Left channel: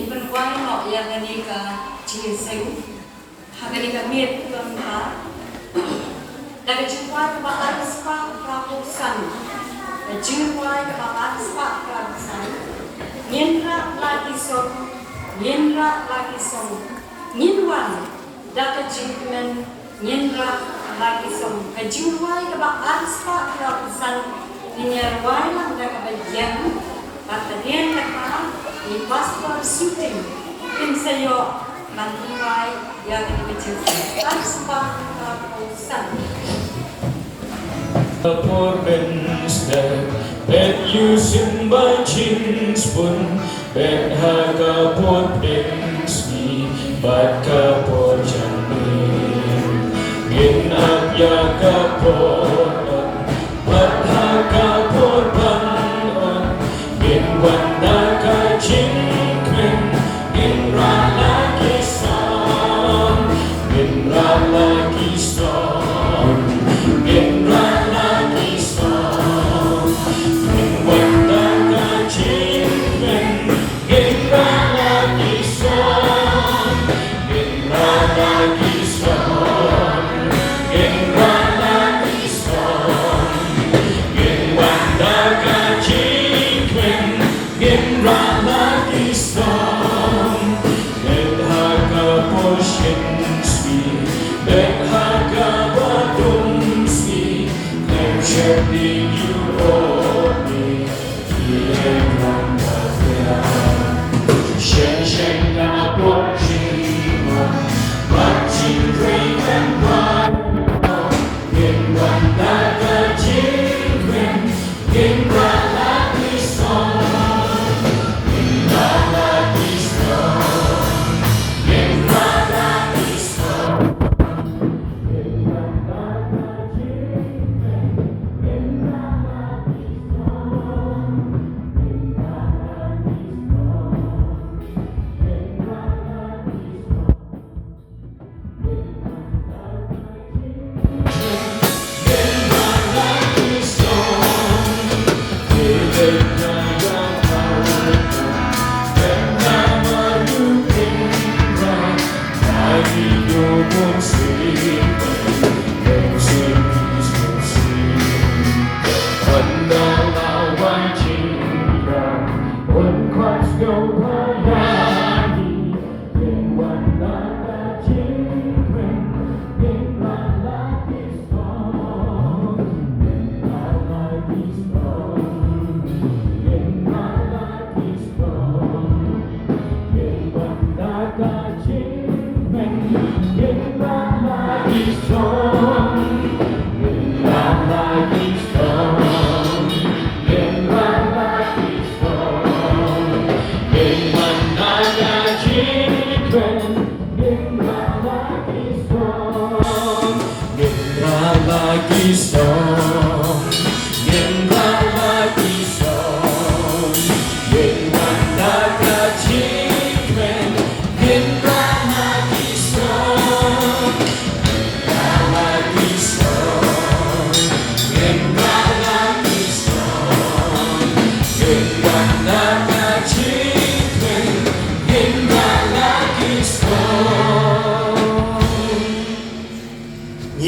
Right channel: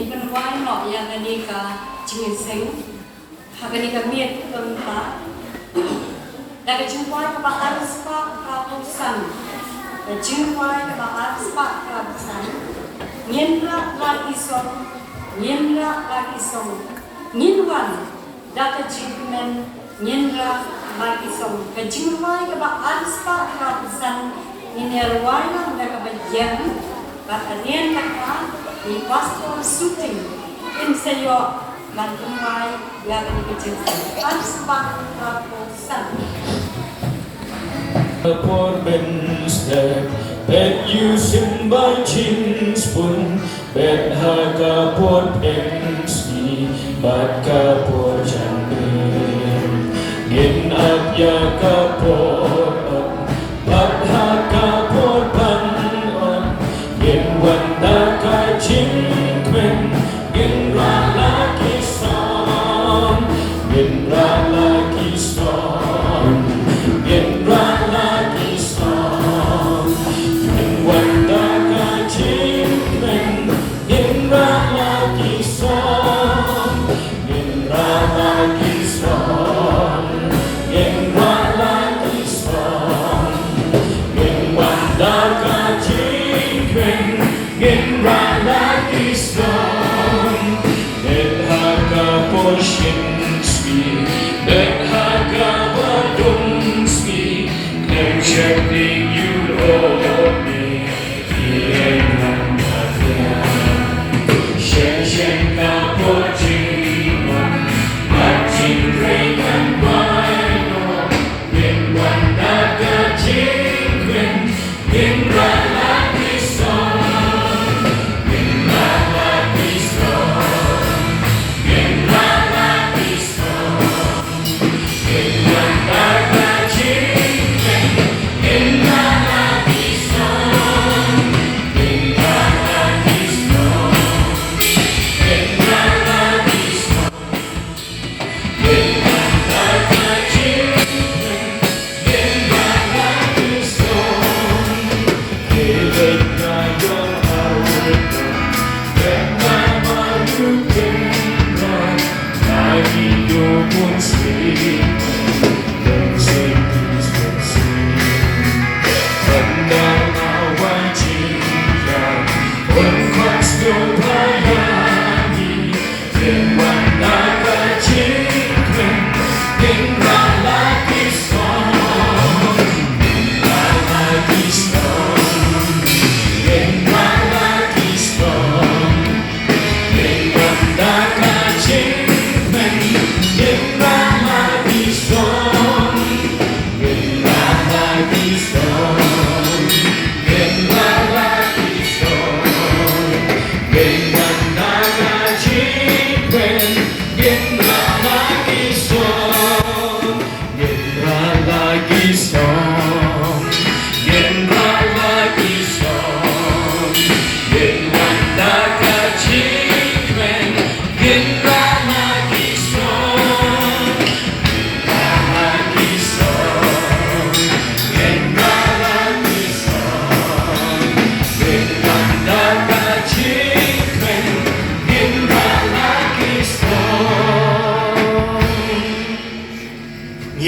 in penwai no yang ani ka jingin sayu hagani ka miet lempa dari jumpai ke bahar spa prapusan jumpai ke bahar spa prapusan nyenra lagi song nyenwan data jingmen nyenra lagi song ke jumpai ke bahar spa prapusan nyenyarwana da ka bagian bakalian ka ni pastor shooting in sayo lantungai yang dikecilkan aspa prapusan Por benster bet using by jeans pun bet harga por pensi baka por jangin in up ya kapor bat harga por pan on in wanda ka jingmen in rala kison in rala kison in rala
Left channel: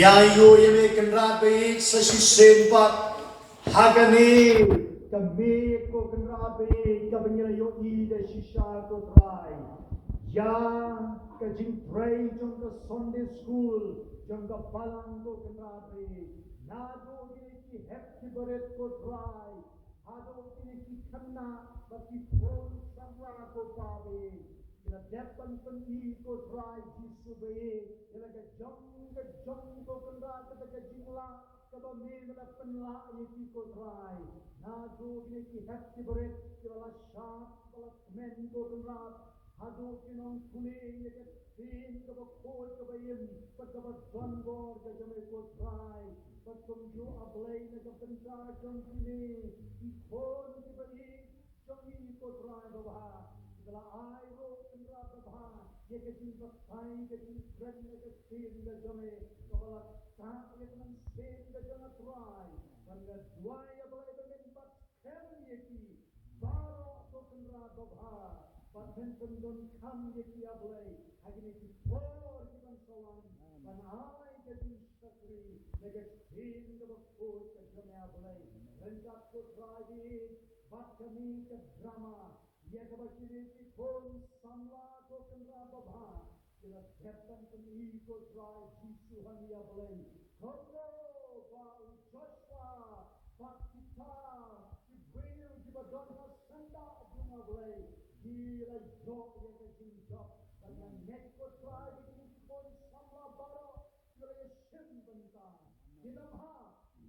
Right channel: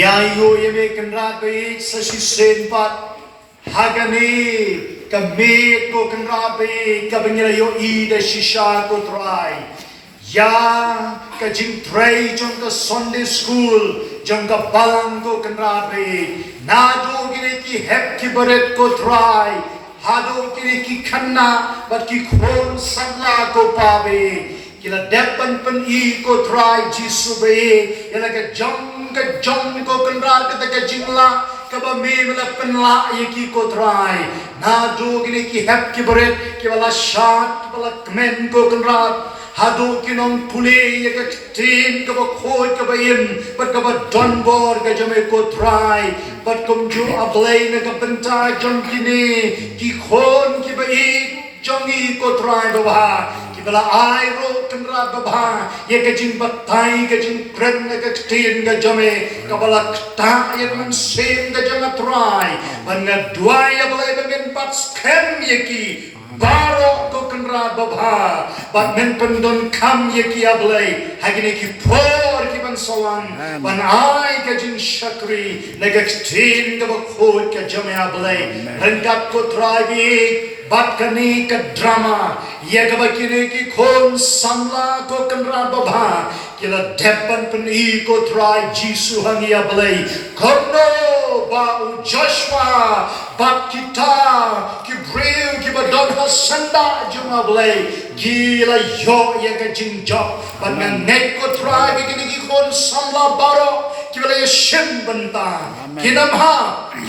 Yayo yeme kenrabe sasi senpat hagani kami ko kenrabe kabengila yo ida shisha ko try ya ka jing tray jong ka Sunday school jong ka balang ko kenrabe nado gine ki hep ki baret ko try hado gine ki khanna bat ki khon samla ko pabe kila depan pen I ko try jisu be yala ka jong ko kenral kita ke jingla kaba me mala penla yeki ko try na jo gine ki hep ki beret ki wala shat wala kmen ko kenral hado kinong pule yek tin kaba khoi kaba im but kaba don bor ka jame ko try but kum ju ablay na ka benta jong kini ki khon ki ba I jongi ko try ba Kibala ai ro kenra babha ye kajing batai kajing kren ka tin ka jame kabala ta ye man sem ka jama try ban dua ya balai ben pat skem ye ki baro ko kenra ra baba bat men pendon kam ye ki ablay hagini ki por ki ban sawan ban ai ka jin shakri naga tin ga khol ka jame ablay rangat ko trabi bat kani ka drama ye ka bakine ki khon samla ko kanra baba kila depan pen I ko try Jisu hangi ablay kono ba Joshua bat kita ki breu ki badon hasanda juma ablay gila yo ye ka jinjok ban ngai ko try begini ki kon samla baro ki bala shem banta kinam ha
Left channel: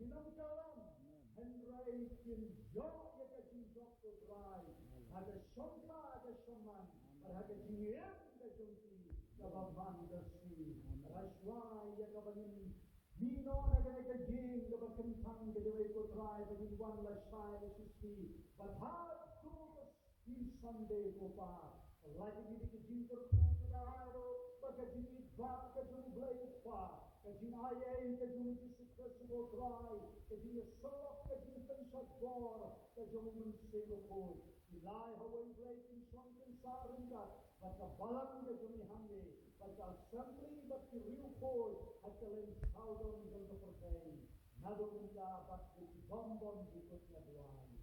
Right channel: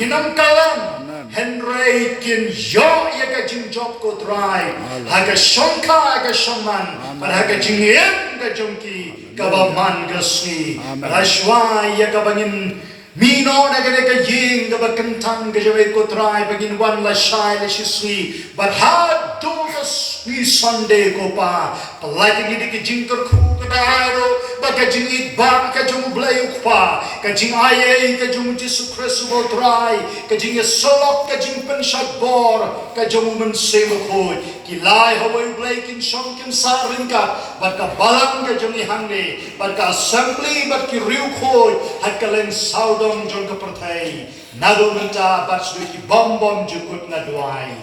kinam kalam Henry kin yo ye ka jinjok ko try haga shonka haga shaman ban haga jingiem ka jongki kabaman gasni rashwa ya kabangin mino na gane ka ying kabakantang gajawe ko try bagin wan la shai la shiswi but ha do the sweet Sunday ko pa palagi ni ki jingkar khu ka dairo baga jingit ba ka jung blay pa ka jing aye ka jung Jesu Christ ko try ka jing solok ka jing pen bor ka jung men semo ko kilai hawai blay kin shong kim sa ring ka bat ka balang ka jung hangne bat ka assembly bat ki riu ko hat ka len saudong jong ka perthai nado menta bat su ki bom bom jukut na duai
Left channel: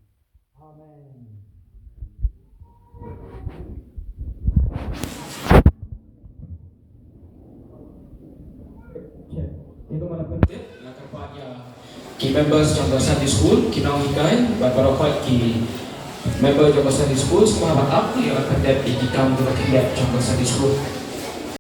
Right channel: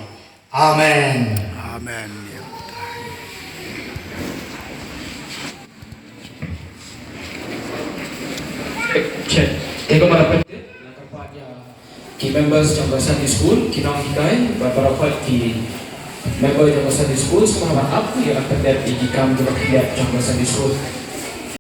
amen Amen. Ego marapat nakapanya ki members trong Sunday school kinong hikay baparapat ki member trong Sunday school semahaman aku yang akan dapat ikam di Sunday school